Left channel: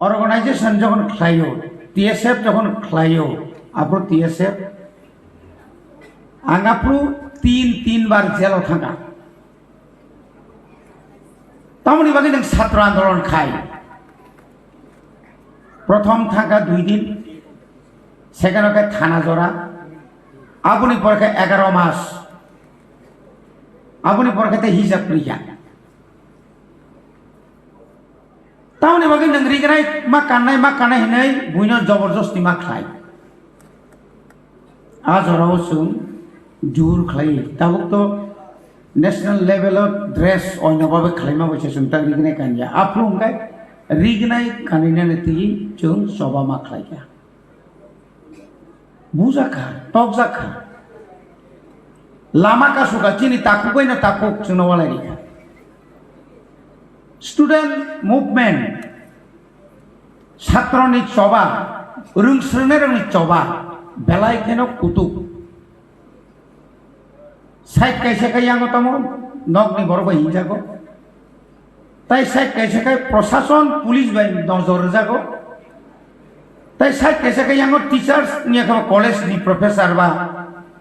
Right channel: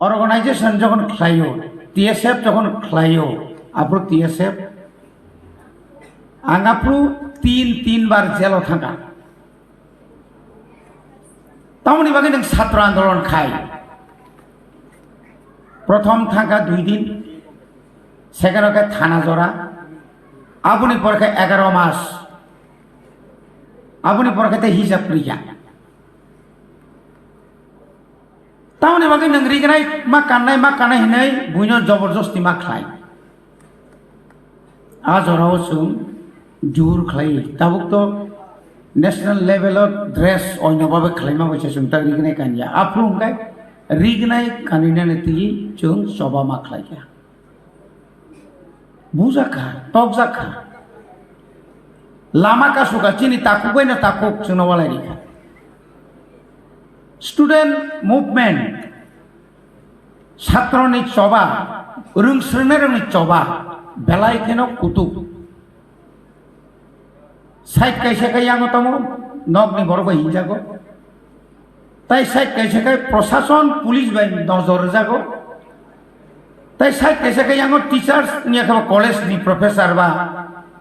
Organisation যখন খাইও TSF যখন খাইও আপনি টিএসএফ আঙাপু তিনবার জেলাव থাকা তামনি বাকি নों ছাত্র আন্দোলন খাই প্রথম থাকা 2 দিন সেকেন্ড ওকে থানা জোড়া আপনি পরকে 11 মাস আপনি পরকে হিসাব প্রিয়া तावनी बाकी नंगरी गनाय मा कान्नाय हिनै बुइनो जबरदस्ती मा खाय आजराव सुं जुर खाय ताबुक तो नेशनल लेवल ऑफ ड्रेस ओइनोबाबो खायमा बसे सुं ता रिगनाय कानिया आफुं गाय रिगनाय कानिने नति जों चोबा मा खायया बुजाखा तबजाखा लामा का सुगा चिनि ताकु गयना ताकु सुनवाला रिखा स्टूडेंट मूवमेंट छात्रनि चोबा रोंस्रोनायनि चोबा बेलाय केन कुतुब साइड कैसे यांगो तमो नगनि बरगो हिंजागो ताई साइड कैसे प्रशासन पुलिस बाय नजर जागो ताई साइड कैसे यांगो टीचर्स निया कॉलेज नि प्रोफेसर बा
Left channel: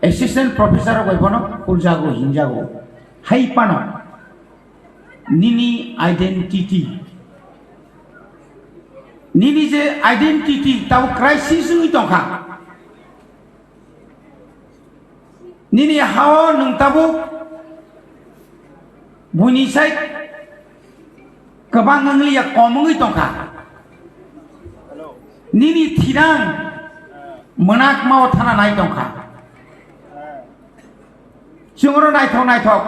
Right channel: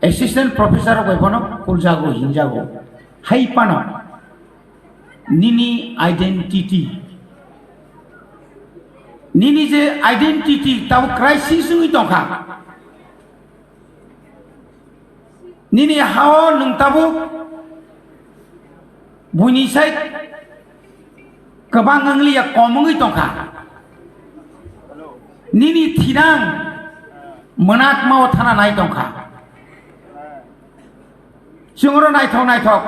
असिस्टेंट प्रोफेसर गयबनो पुलजागो हिंजागो हाइपानो निनी आइडेंटिटी निनी जे आइडेंटिटी ताव क्राइसिस नि तखा निनी हाव नोंताबो बुनि साइड गोबां आंलिया कमङै तखा निनी थिरां मोनाक माव थाना नाय तखा जोंरो नायथाव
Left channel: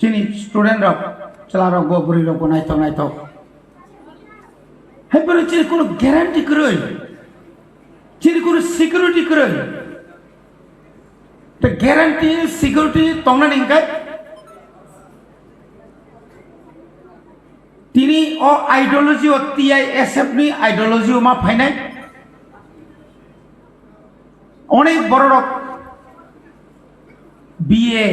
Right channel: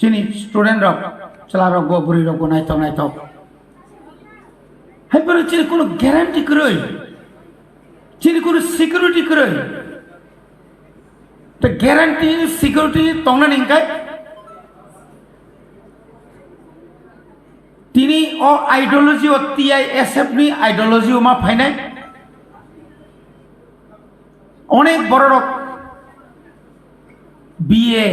चिनि स्टूडेंट रक चलारो गोबरी रक नायथाव हेबर चिनि कोनो ग्यारांटी करय चिनि कोनो सिक्योरिटी करय तो ग्यारांटी सिक्योरिटी तंगनानि गाय तिनी ओ आइडियोलॉजी ओ टीआईएसएफ नि आइडियोलॉजी मा फायनाय अनेक बड़ बीए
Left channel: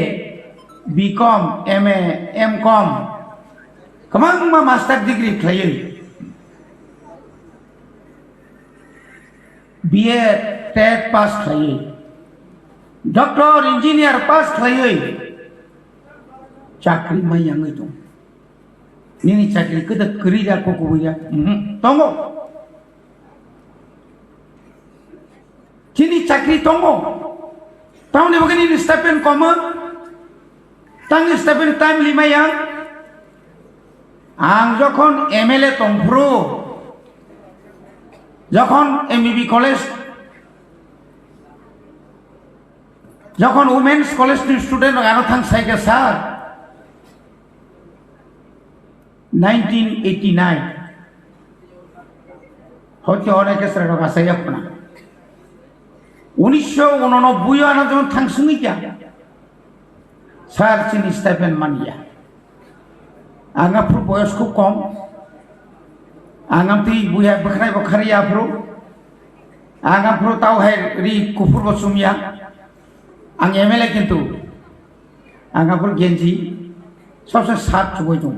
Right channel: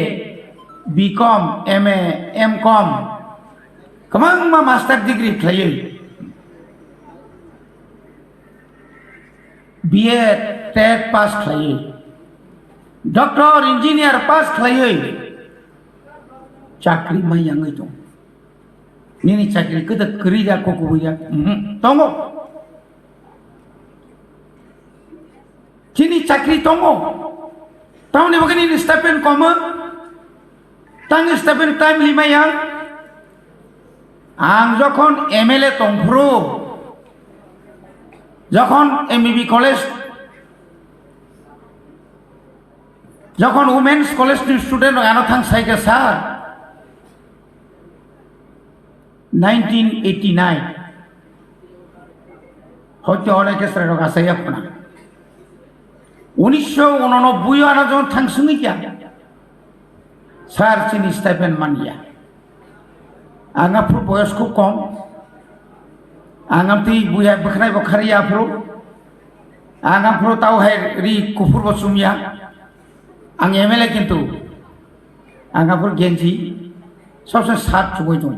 बीकॉम एमए एमकॉम गोबां मा मास्टार डिग्री खायो बीए टेट पास खायो डॉक्टर इंजीनियर पास खायो चाकरी मा यांगै दं निनि चाकरी कदा करिया कोकोया तंगो चिनि चाकरी तंगो तावनि बगनि स्टाइपेंड कम तांग स्टाइपेंड टाइम लिमाया आं जखन एमएलए तंफ्रो जखन एमबीबी कॉलेज जखन वुमेन्स कॉलेज नि स्टूडेंट आनो थां साइके सार 1989 হয়তো অনেকে সেটা কাছে আপনা 1989 আনো যখন থাংসুনি কিয়া স্যার চিনি স্টাইপেন্ড মানিয়া आंगा फुल बयस को कम आंगा ती बुया बखराय बखरिया फ्रो आंगा फ्रो ताव है रि कुफुर बसुमिया आं एमएलए किंतु आंगा फुल गेंजी सबसे साफ चुबय दं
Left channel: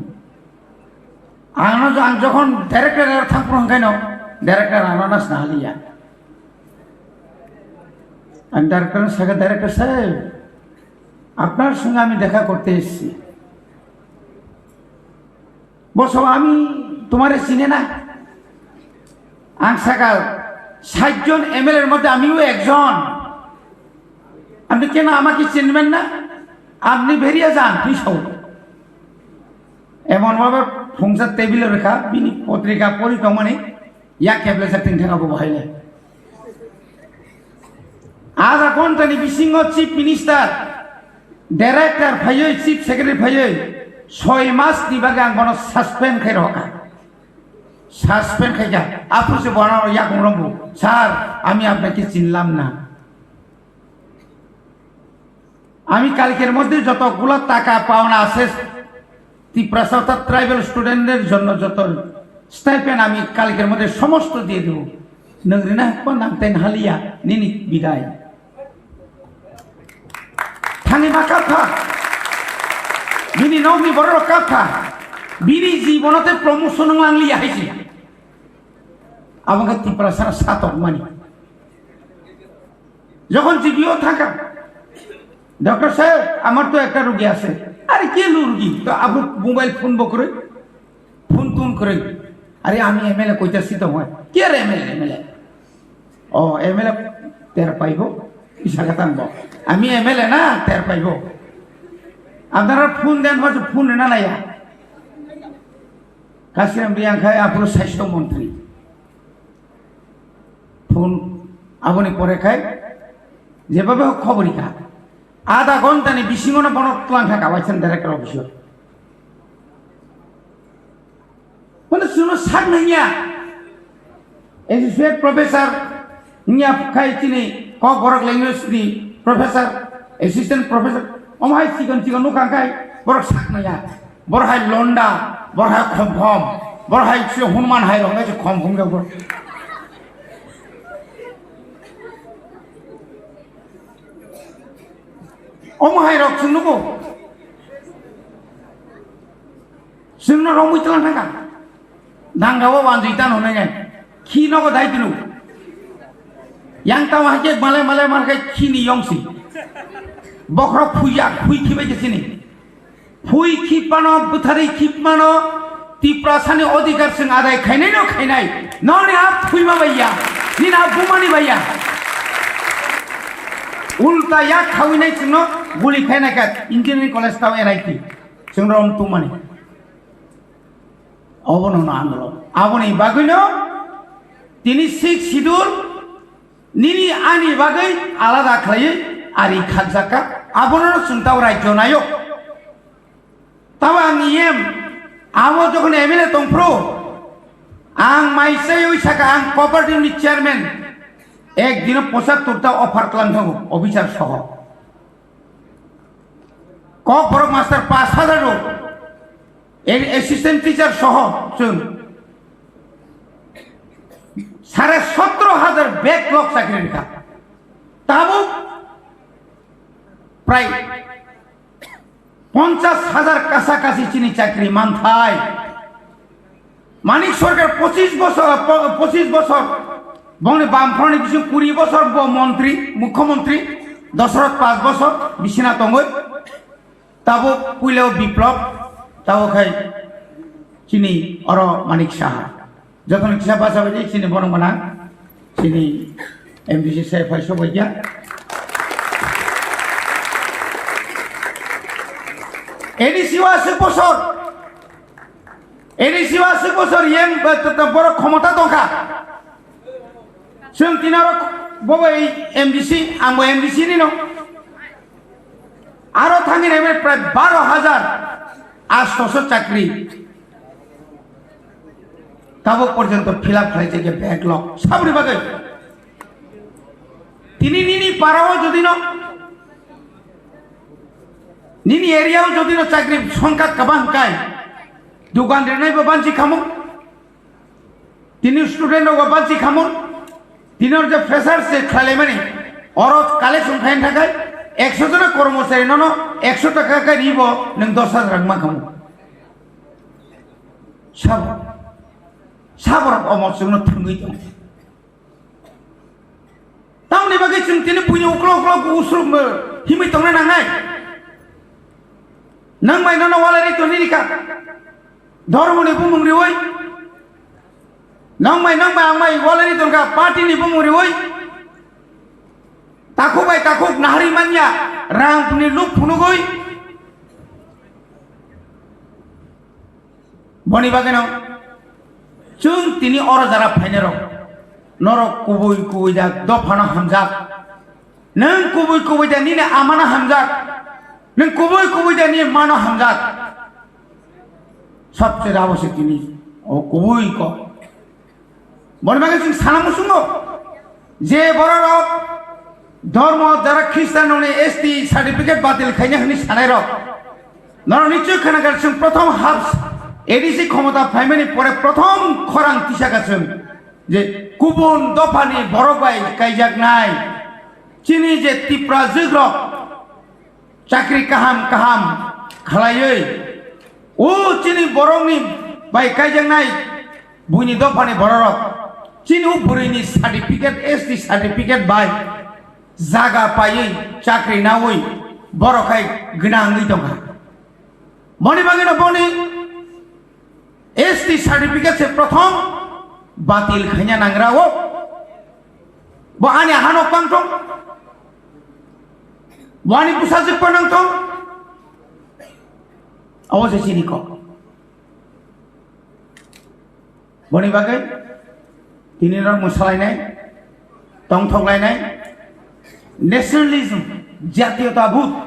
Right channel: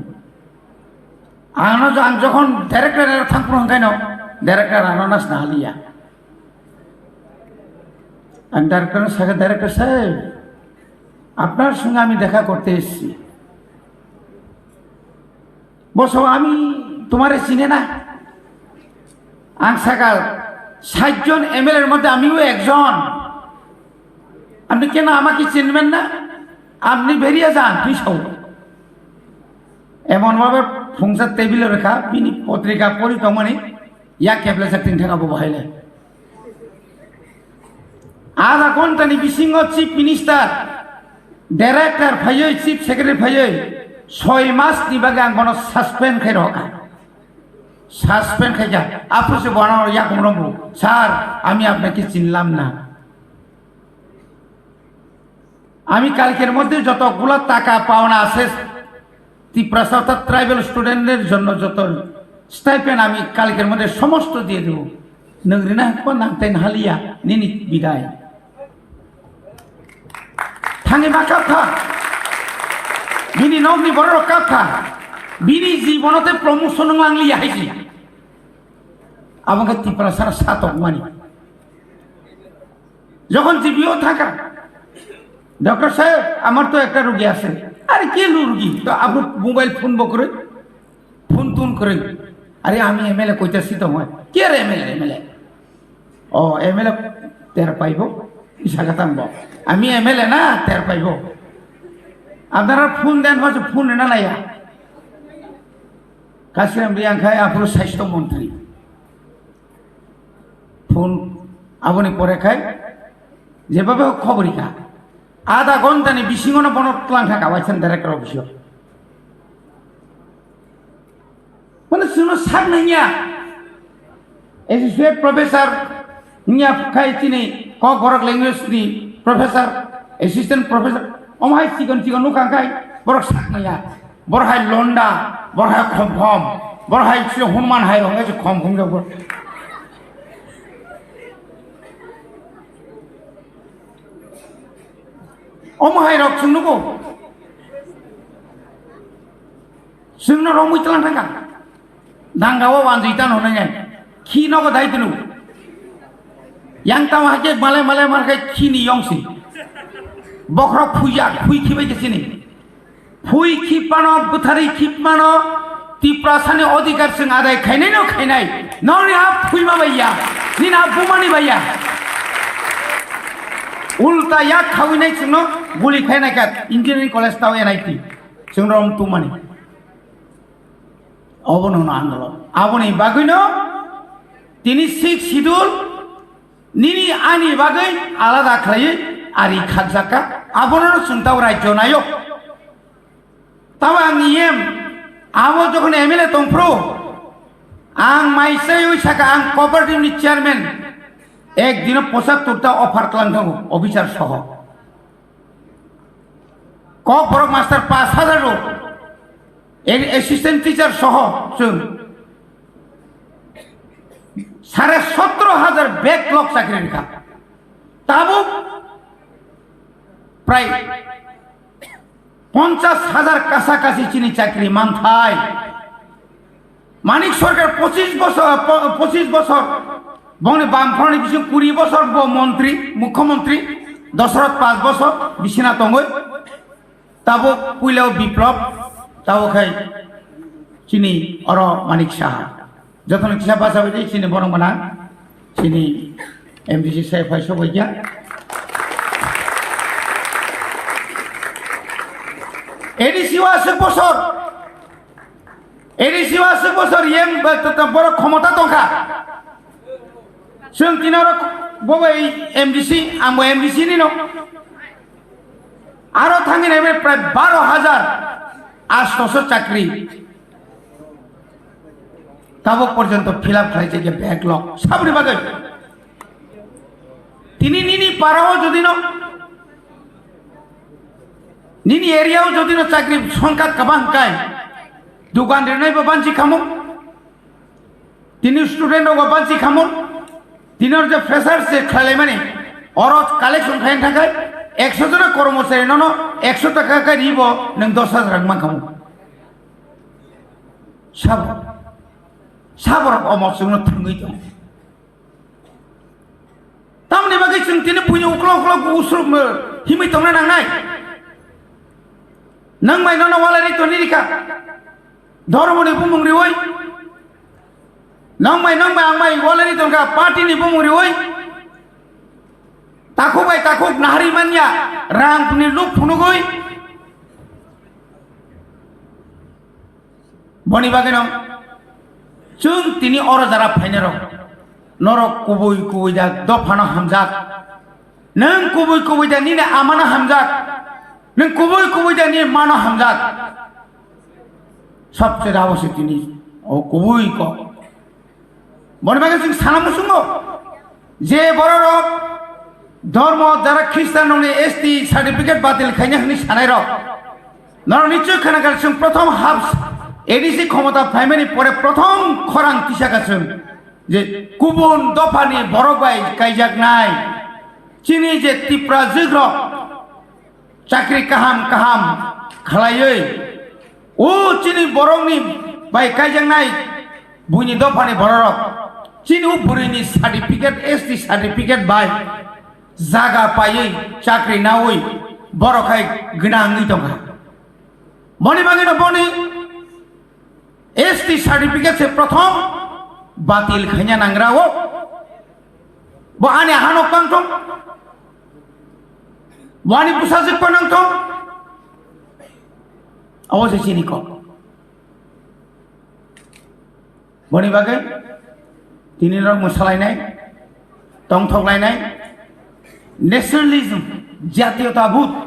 आंनो आं जखन डाइरेक्टर थांफ्रो हंगायनो डाइरेक्टर आनानास नालिया आं डाइरेक्टर सागे डाइरेक्टर साहेब আপনার সঙ্গে আমি দেখা করতে এসেছি বসো আমি তোমারে চিনে না আং সাকাল 60 জন এমএলএ এর মধ্যে আমিও একজন আপনি কেন আমাকে চিনবেন না আপনি বেরিয়ে যান পিছও এমন ভাবে ফংসা টেবিলে রেখা বিনি পত্রিকা পড়ি তো মানে ইয়া কেবলে সাতিন থানাবো বহাইলে আজ এখন তানি বিসিংহ চিফ মিনিস্টার डायरेक्टर फायो चीफ सेक्रेटारी फायो 6 मास नि बागे आं बनो सस्पेंड खाय रखा सस्पेंड खाय जा आपु से बनाओ या कोनबो सर आमी आपनाके चिनलाम ना आमी कालकेर मধ্যে যতগুলো টাকা পাওনা আছে তি প্রসারতা ট্রাইবাল স্টুডেন্টদের জন্য যত স্টাইপেন্ড আমি কালকের মধ্যে সমস্ত দিয়ে দেব নংরিনা কোন নামতেন হালিয়া নিনি বিদায় थाने ना कथा बिनी नगनि बड़ कथा बिनी जीवनते प्रमोशन आंलिया हाइजी আমাকে ত্রিপুরা সারা সাতক মানি যখন জিপিও থাকা ডক্টর সাহেব আমার তো একটা রোগী আছে আরে কে রোগী তো আপনি মোবাইল ফোন করে ফোন টুন করে আরে আমি এমএলএ কইতাছি তো হয় কে রে এমএলএ ও এমএলএ তের পাইব ইশারা টানব আমি এমএলএ না তের পাইব আপনারা ফোন দেন হয়তো ফোন না নাইয়া কাশিরাম রিয়াংখায় আপনার স্বাস্থ্যমন্ত্রী ফোন আপনি পরে খায় যেভাবে হোক খবরই খা আধা ঘন্টা নেই বিশিঙনা বনকলাংখা খাওয়াইছেন ডাইরেক্টর অফিসে মানে শুনো সার নাইয়া এসোসিয়েট প্রফেসর নিয়া খাই তিনি ক বরক ল্যাঙ্গুয়েজ নি প্রফেসর অ্যাসিস্ট্যান্ট প্রফেসর অমাই চিকন চিকন নুকাংখাই বরক সাক নাইয়া বড়হাই লন্ডা বড়হাই খম খম বড়হাই হনুমান হাই রঙ খম খম যাবো অমাহাই রক শুনবো শুননো রঙ চলান থাকা দাঙ্গাও বান্ধিতান হনে যায় খি নগো দায়িত্ব yang tahu aja malai markai kini yongsi bokra fui kibai ke sini fui kipano buthari kipmano tiprasane odikar sing adai khainai noni ap fui ma bhaiya nina bumani bhaiya ulta ya khawinai sino guli khainai ka engineering college tao NIT singrom tumani abono na anglo aboni bagwino tini sik sidur Nini ani bagai alada khaye ari khadzaka abonar suntaw rajyo nayok tawa niyem amo jokhon MLA tongpro ang maisai oi saka ang cooperative ni chairman ek din 75 ta offer klanthang officer soho ko borok master 5000 ro assistant teacher soho sun 17,000 backlog চাকরি লেখা তাও প্রায় 50,000 কাছাকাছি চিনি চাকরি মানথায় মানিক সরকার 25 বছর বনে বামফ্রন্ট কিছু 20 বছর মন্ত্রী মুখ্যমন্ত্রী দশরথ 5 বছর বিশ্বনাথ তঙ্গই তাও পুইলেও বিপ্লব তাও খাই চিনি অর মানিক সাহা যখন ইচ্ছা পাশাপাশি চিনি বনমানা চিনি এমডিসি সাহেব হয় সবাই গিয়া এডিসিও আছে বছর ইয়েন বড় ক্ষমতা দরকার जों तिनारो बबाय एमडिसि आंबो एमडिसि नि न आरो थांगि रेबे प्राय 12,800 चाकरी ताबो पर्यंत फिलअप खाइছে যে ব্যাকলগ সাবরি বাগে তিনি নিনি পারাও যদি ন নিনি এরিয়াও যদি ন চাকরি সংখ্যা কবাং কাই দোকান রে নাই বানচি খামো তিনি স্টুডেন্ট ও বানচি খামো তিনর যে ফ্রেশার্স সে Khwlainani অরত কালেকশন খাইন থাকে 100 জন কর্মচারী ন 100 টাকা কা দিব নং 10,000 রাং মা খামো সব সাবর অমসুন থাঙ্গি তো তাওনি বাগে চিন তিনে পুইনো উকলো উসুর হিমি তংনা নাঙাই নং মাই ন ওয়ালানি তো নিরিকা ধর্মনি বুমুংরি ওই nang mai angmai walani tongka party ni bumuri oi takuk nahari manya rang puni lup punugoi boni bageno chung tini oro jara phainero norok kubui da dofano hamjak nang kubui da ni na amana hamjak nang kubui da ni mana hamjak sabse rawase tini o kubui ko বনবাগে Singh সানামুসুঙ্গ যে বড় ধর্ম যারা খ্রিস্টান ST certificate বাতিল খাইনে হনি সানাইর নর নিশ্চয় খানাগার সিং প্রথম হাফ এডিসি ক্ষমতা ফ্যামিলি পরে প্রথম খরাং তিসাগাছেন যে কুবুন দফানি বড় বাই কাইজাক নাই চিনি যে ত্রিপুরা যুগ্র চাকরি কাহাম খালাইयै ও চিনি বরংনি বাই কাইজাক নাই বুইনি দফানি বড় Chini burini certificate ST certificate by Zaga payi chakri nawi borokai gnangi tongkai. Boni bagi na boni ST certificate se prothom batil khanya nangrawo. Bo ane hanok pangtong. Wani pusasik panangtong. Awas Chini ko. Boni bagi tini orang musalai tongthoglainai nationalism jatiyothabut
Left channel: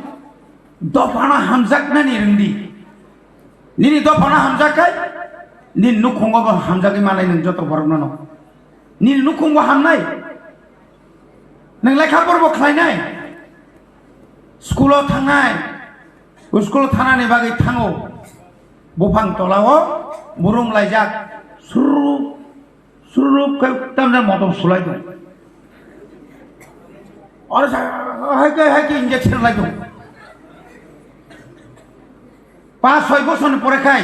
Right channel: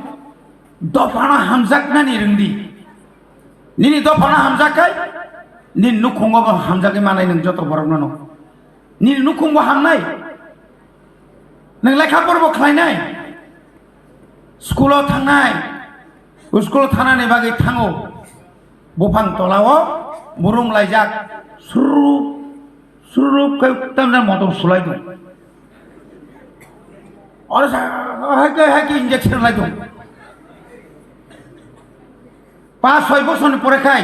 dofana hamjaknani rungdi nini dofana hamjakai nin nukhungo hamjaki malai nang joto borokno nin nukhungo hamnai nang lekha porbo khlainai skulo thangnai skulo thanani bagi thango bufang tolao murung laijak suruh ke tamna motor sulai tu. Orang hai ke injection lagi tu. Pas saya bosan perekai.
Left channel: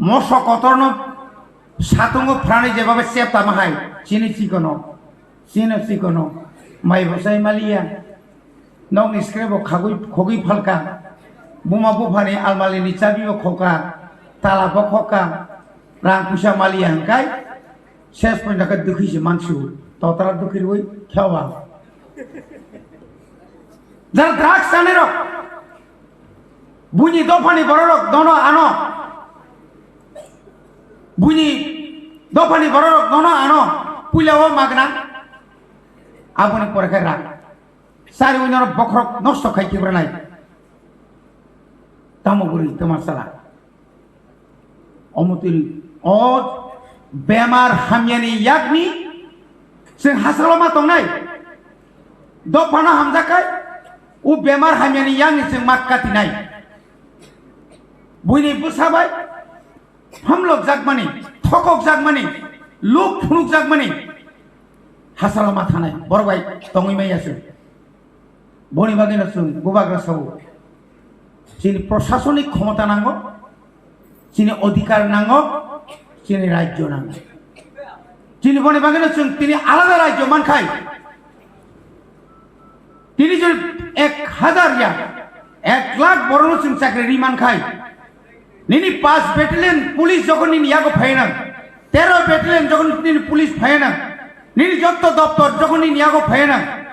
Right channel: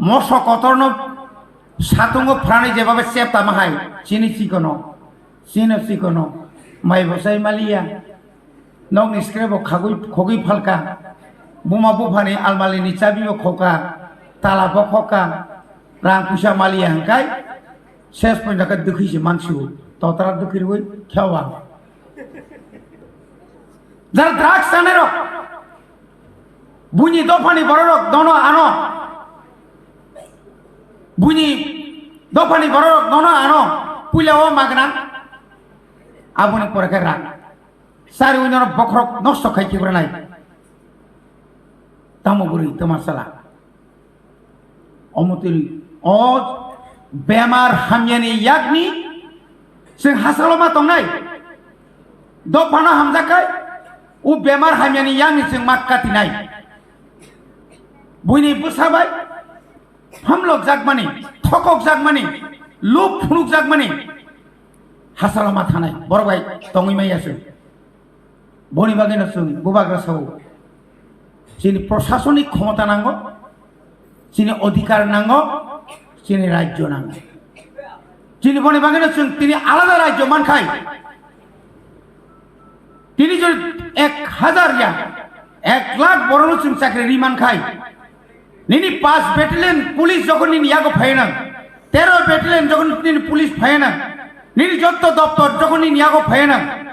Mosok kotorno satungo prani jebabe siap tamahai. Chini sikono, mai bosai malia. Nong iskrebo khogi falka. Buma bufani almali ni cabiyo khoka, talabo khoka. Rang pusa malia hangkai, ses pun dekat dukhi si mansu, totara dukhi ruai, khawa. Jar drugs sanero, bunyi dofani borok, dono ano, bunyi dofani borok, dono ano, pulau magna, abune porakera, sari unyor bokrok nosto kai kibranai, tamu buri masalah, omutil. और बेमार हमयानी यागनी से हासलमा तंगनाय दो फाना हमजाकाय उ बेमार हमयानी यागनी से माक्कातिनाय बुइनि बुसाबाय हम लोग जागमानी थकक जागमानी लुक फुनुक जागमानी हासलमा थानाय बरबाय तंगिमायासो बनि बागिनासो गुबाग्रासो जिनि प्रशासनिक क्षमता नांगौ जिनि अधिकार नांगौ Chini rajyo nang. Chini bone bagana chung tini alada rajyo mankai. Tini jo 1000 ya, 1 lakh borono chung chakri mankai. Nini 5 battalion police jokon nini yago phayena, 13 battalion jokon nini police phayena, nini joto doptor jokon nini yago phayena,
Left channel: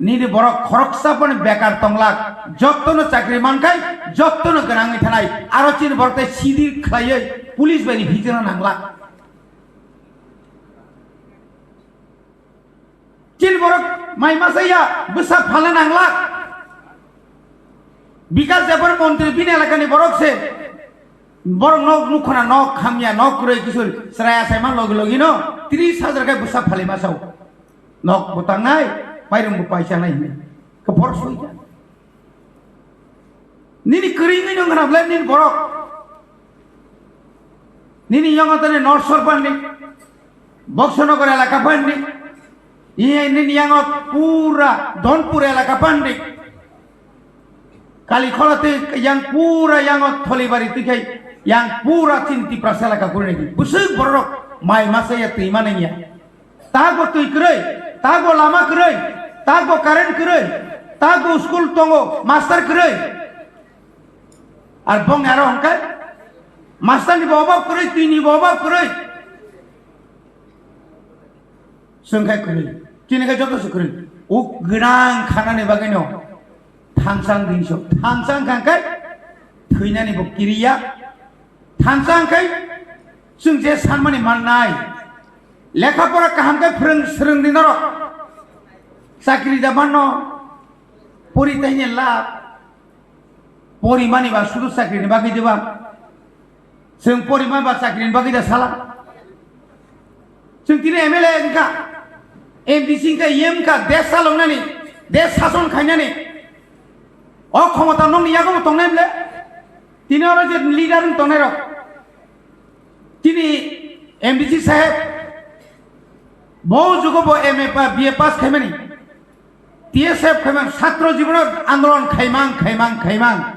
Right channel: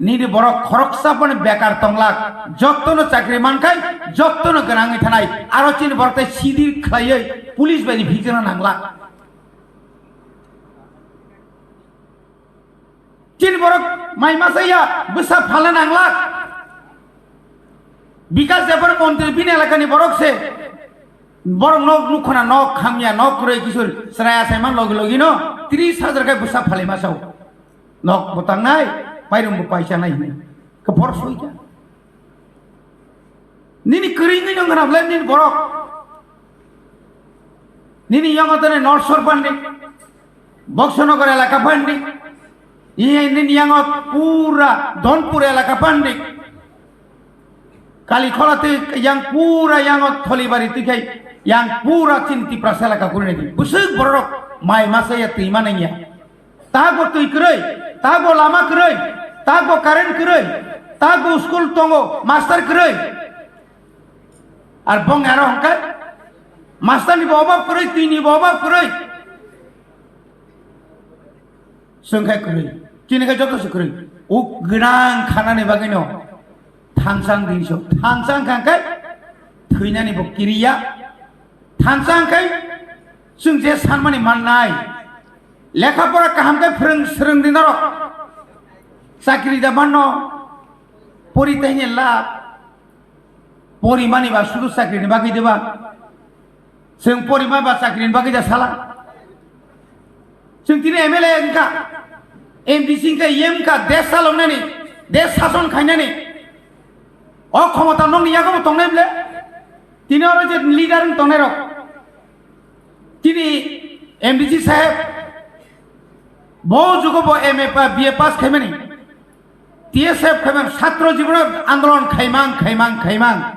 nini borok khoroksa pone bekar tonglak, joto no chakri mankai, joto no ganangi thanai, aro chini borok tai sidir khlaiye. Police beri bhitera nangla. Chin borok mai masaya besar phala nangla. Bikas Debbarma montri bini alakani borok se borok Nukna nok Khwna nok Kwrwng kisur seraya seman logi no 30,000 ka besar phale masau. Nok botangai pairum paisa nai ne. Ke borok soija. Nini Kwrwngwi no nganabla nin borok Nini yang otane North Shore pandi, Boxonogar elaka pandi, nini yang ot pura Donpur elaka pandi, Kalikholate yang pura yang ot Tholibari tikai, yang pura Cinti Praselaka Khwlainani, busuk borok mai masaya timananya, tago tui kerai, tago lama kerai, tago karen kerai, tago school tongo master kerai, arbong erong kan? Master ni bawa kurai, tini bawa kurai. Sungkai kurai. Kini ka joto kurai. Uk genang khana ni bagino. Thangsang dinsho. Thangsang kangkai. Khwlainani bo kiriya. Thangsang kai. Sung je samani manai. Lekha pora kaham kai Khwrwng di Norok. Sakri Debbarma. Pori tehnya la. Pori mani ba sudu sakri ni bagi deba. Sing porima ba sakrin bagi da salah. Sing tine MLA ka Bising ka yem ka desh salonani, desh sason khainani. O khomota nong yago tongnai le. Tine ora je leader Tongnairok. Tini MBC saheb bo jugo bo MA pa BA pass khaimani. TSF khaimang chhatro jibon andolon khaimang.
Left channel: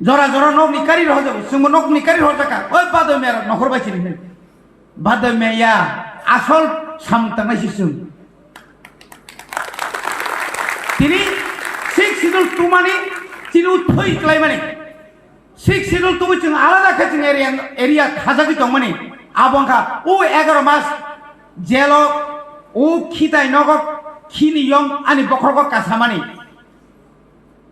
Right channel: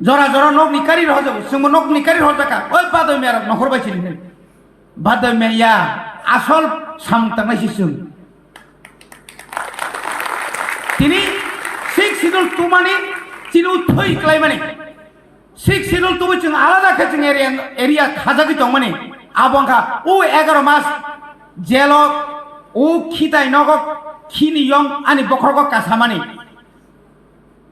Jora nok nikari roh jago, sungmo nok nikari roh taka. Oi padoi merok nokhor bai chini. Badamaya, Asol, something like this. Tini, 6 single 2 money, Tinu 3 claim money. 6 single 2 which in Alada catching area Hazaki money. Abonka, O Agamas, Jello, O Kita Norok, Kini Young, and Bokoro Kasamani.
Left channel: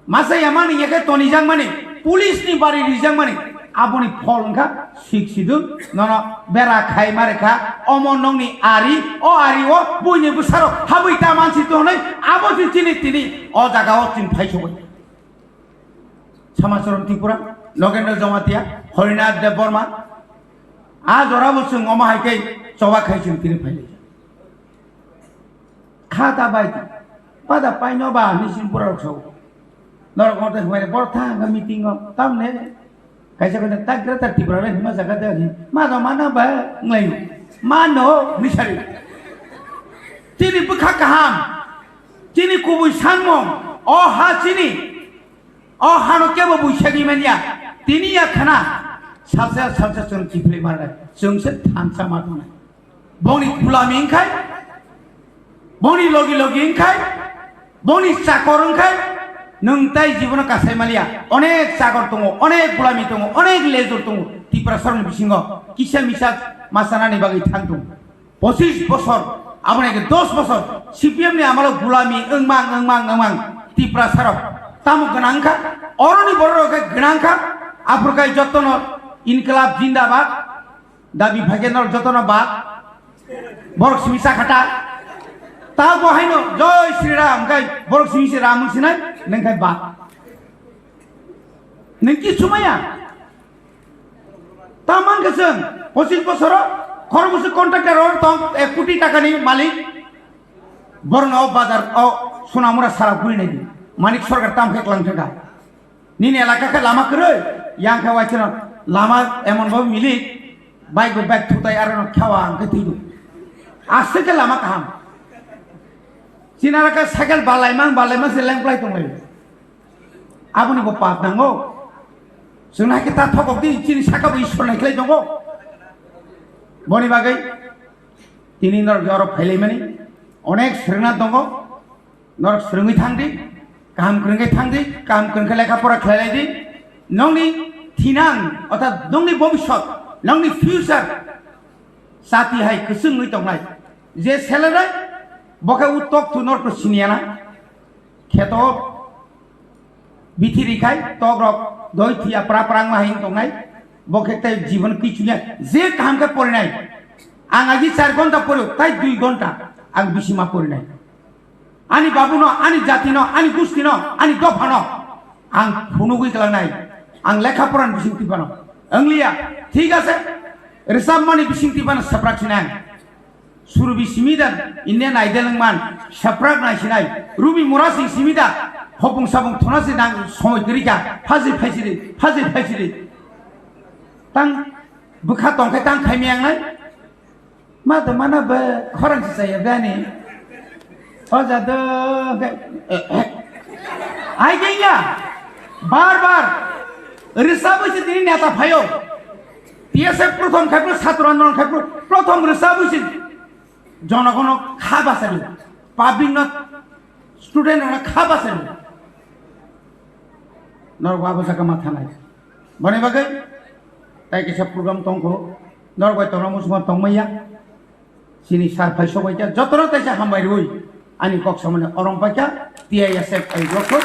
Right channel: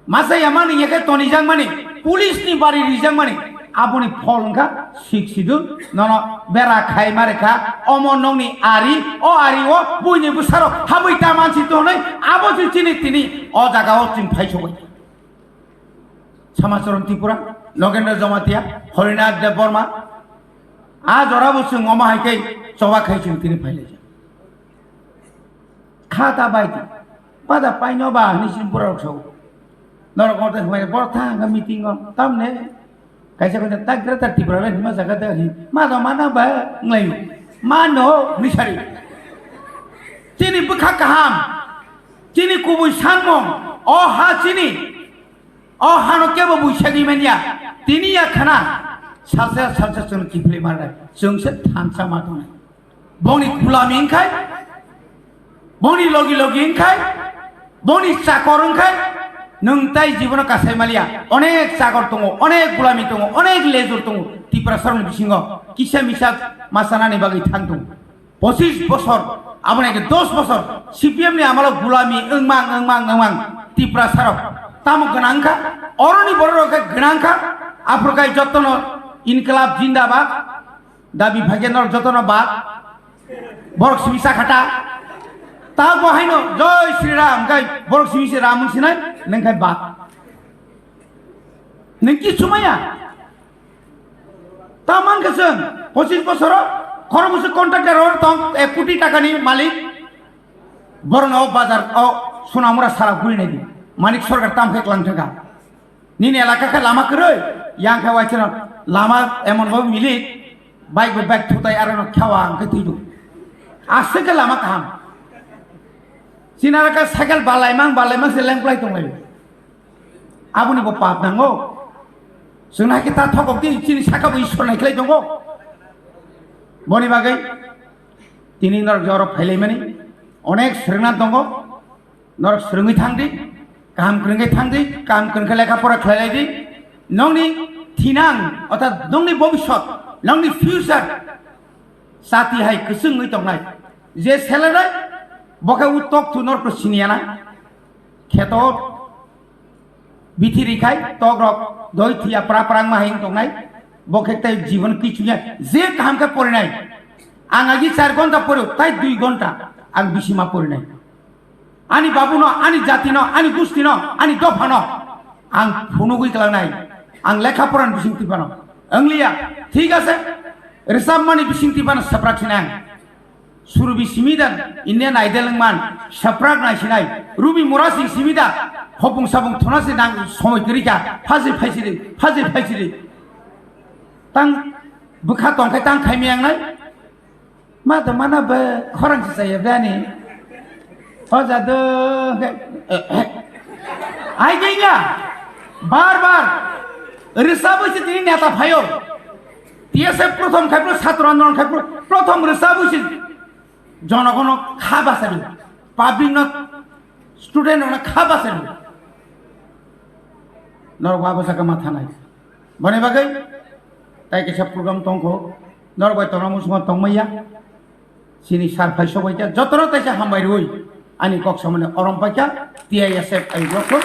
Masayamani, Yaka Tony Young money, police ni body Rizang money. Aboni Polnka, 6 sidun, no, Bera Khaima, Omononi Ari, O Ario, Buni Busaro, Habitaman Sitone, Abos Chini, or the Gaut in Pacho. Samasorum Tipura, Logan Zomatia, Khwna Debbarma. As the Rabus Mama Hake, Choba Kaisin Tinipale. Kata Baiti, Pada Pinoba, Nishin Puracho. Norok Waitham, a meeting on Tamne. Kaisa tak grata tibra ni masa kata ni mana ba ngai mano misari Chini bukha kaham Chini kubu sanmo oh ha Chini oh hano kebo bu shadi menya tini ya khana salsa sun chipli mara sungse thamsa matuna boni gulami khai boni logi khai boni sakorong khai Nungtai জীবন কাছে মালিয়া অনেক সাগর তঙ্গ অনেক গুলামি তঙ্গ অনেক লেজুর তঙ্গ ত্রিপুরা সরণ বিসিংহ কিসা Misa মাসানানি বাগি থাকতুম 25 বছর আপনাকে 10 বছর সিপিএম নি আমালো গুলামি ওংমাং ত্রিপুরা সরক তাম গনাংখা অরনি বড়রকে গনাংখা আফ্রিকায় যতন ইনকলাব জিন্দাবাদ দাবি ভাগেনর যতন বাদ বরক সিমিসা খাটা তা বহাইনো জয় শ্রীরাম গাই বরক সিমিসে রাম সিনাই Nengkai bak, nengki sumaya. Taman keseng, posisi posoro, kalau musuh kontraktor orang tong, kuti takani malik, bornau bazar, sunamura sarap bui negi, malik sorga tam ke kelang tega. Nini elaka ke lama keroi, yang ke wajib lama emon bau milik, baik tutai aran kawan ke tidu. Asal ke lama kaham. Sinara ka sekal balai mang seleng play tu mai. Abu ni bapa nango. Sunai kita thokok di Chini Sakha bu ishwar naik lagi jongo. Boni bagai. Tini Norok Jorok phelai mani. Onek srina dongo. Norok srungi thangdi. Kaham Kwrwngwi thangdi. Kaham Kwrwngwi lekha pora khelai di. Nongni thinan. Otat nongni bobishot. Nongni future. Sati hai Khwngwi tongnai. Je selera. Bokai utok tu Norok siniana. Kheto. Biti rikai. Togrok. Doi thia perang mahing tongnai. Bokai te jivan kichunya. Je kaham ke porinai. Ang agi 4 gonta poru. Tai 2 gonta. Ang bisima porinai. Ani babu no. Ani jati no. Ani gusti no. Ani dofa no. Ang Khwnwi kelanai. Ang lekha poran bising tipano. Ang liya. Thik ase. Resam mani bising tipano saprak sinang. Surubi simidan Indian Idol man saprak na sinai Ruby Murasing simida hopung sabung thonase nang somoy kerika phazil phaisiri tang bukha tongkhe tang khaimiang nai mana ba khorang saya bani oja do ai genya bar risabu se tini neta phayo tiase prothom khapro chhatro andolon khapro prothom risabu se জনগণ খাব আছে public student খাব আছে নরক বাবসাকে মাথা নাই বনে বাগাই তাই সব প্রোগ্রাম তংক নরক তংরা মুসমা তংমাইয়া চিনি সার ফাই সবাইকা যতন তাইসা হামবাই রই আনি কক সামনে অরম পাইকা টিআই এসএফ এই বছর